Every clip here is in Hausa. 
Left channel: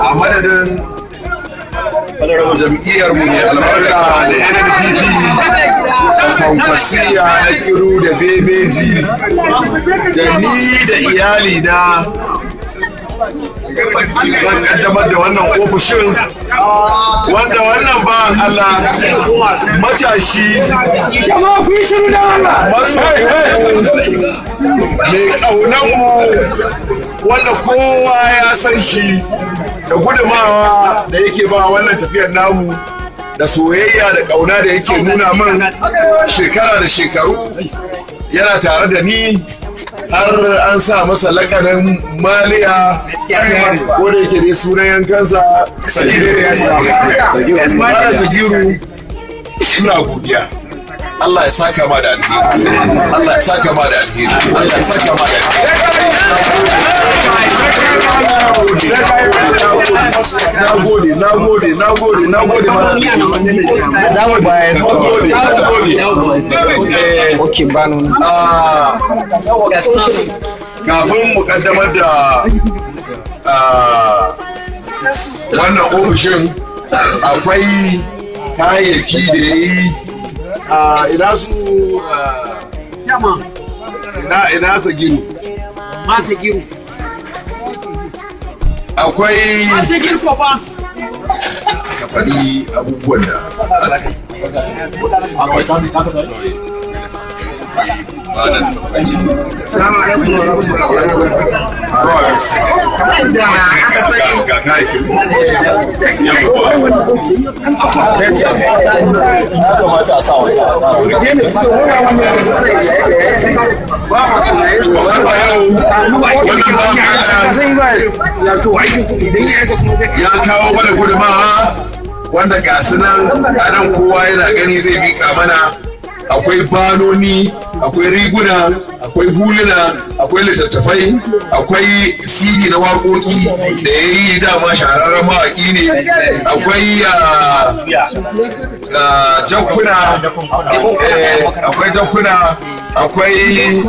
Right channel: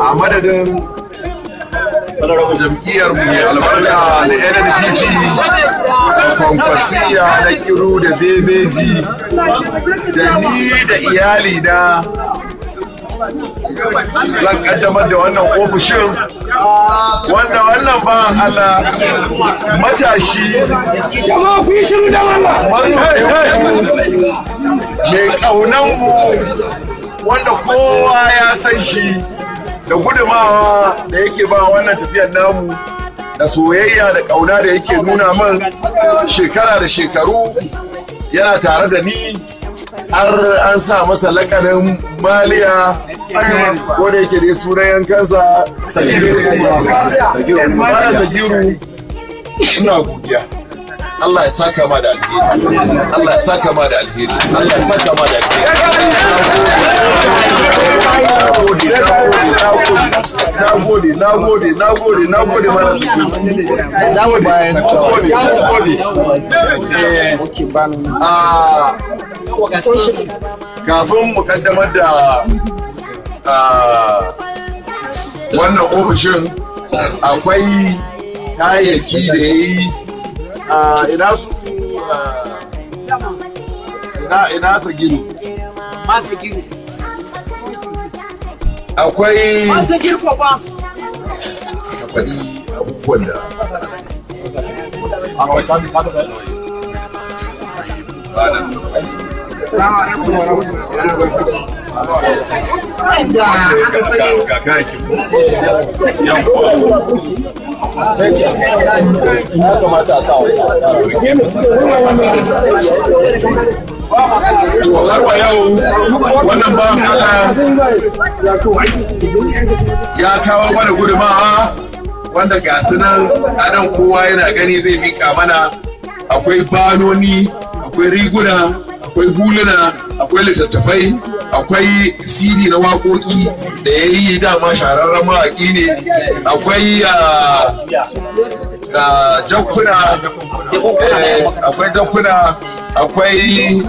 a madadin jam'iyyar mu mai albarka da NPP kwasiya da kiro da bebeji da ni da iyali na zan kaddamar da wannan ofishin wanda wannan bayan Allah matashi masoyi ƙaunanmu wanda kowa ya san shi da gudumawa da yake ba wannan tafiyar namu da soyayya da ƙauna da yake nuna man shekara da shekaru yana tare da ni har an sa masa lakarin maliya wanda yake ne sunan yankansa sagiru suna godiya. Allah ya saka ma da alheri, Allah ya saka ma da alheri, Allah ya saka ma da kafin mu kaddamar da wannan ofishin akwai kayayyaki da yi ina su ina sagiru akwai faɗi abubuwan da ya kawo mana gudunmawa wanda ga sunan anan kowa yana gani zai mika mana. Akwai banoni, akwai riguna, akwai huluna, akwai littattafai, akwai CD na waƙoƙi da ya yi dama shahararren mawaƙi ne, akwai jakuna, akwai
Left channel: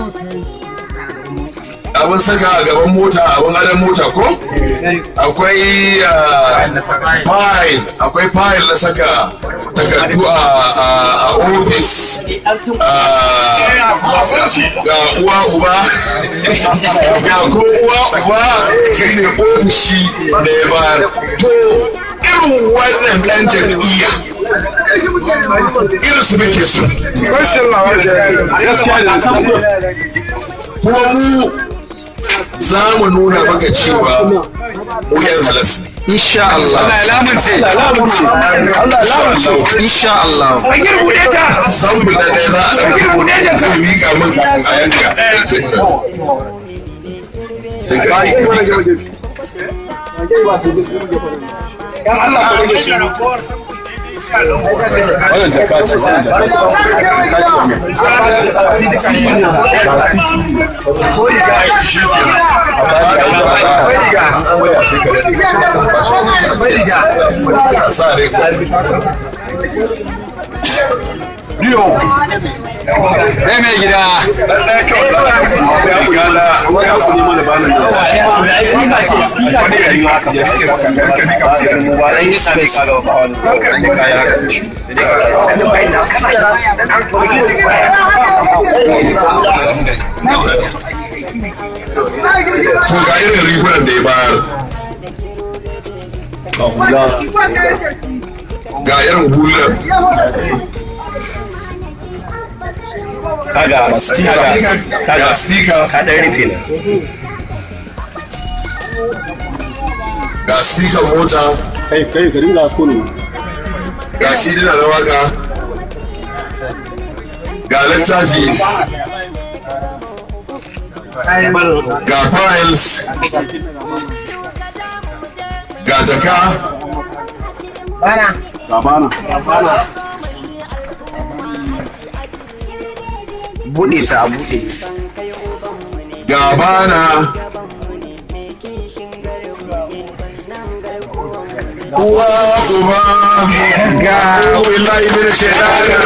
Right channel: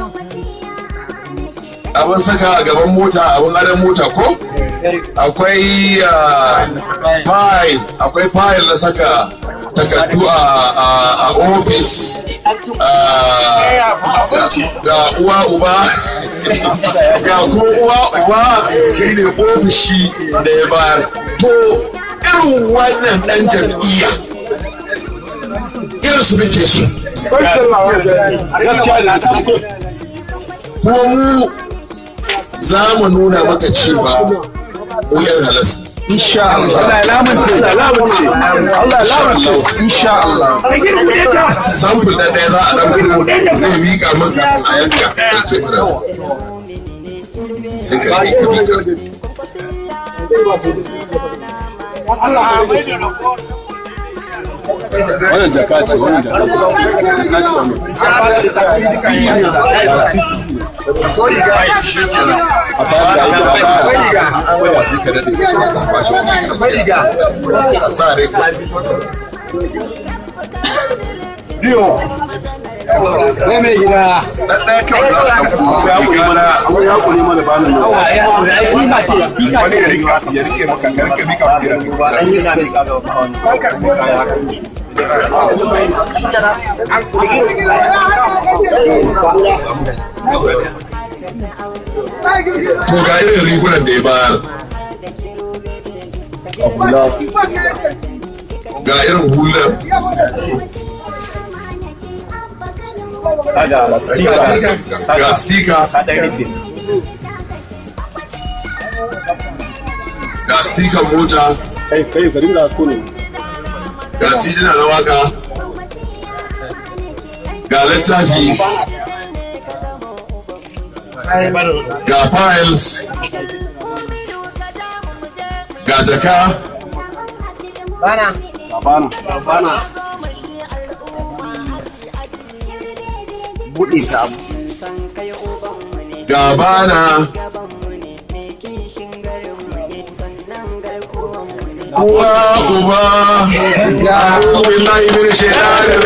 abin saka a gaban mota, abin adon mota ko? Akwai fayil na saka takardu a ofis, ga uwa uba ga kuma uwa uba shi ne ofishi da ya bayar. Irin wannan ɗan jam'iyya irin su nake so. Kuma mu za mu nuna maka cewa wuyan halas. Insha Allah. Insha Allah. Samun da ɗaya za a rabu zai miƙa min a yanka. Sai ka rike ka miƙa. Sai mai gida to ga irin rigunan da ya bayar, ga irin hular, ga stika, ga stika mota, ga sidina na waka, ga littafi, ga files, ga jaka, buɗe ta buɗe gabana Allah zuba ga billahi min shaitanir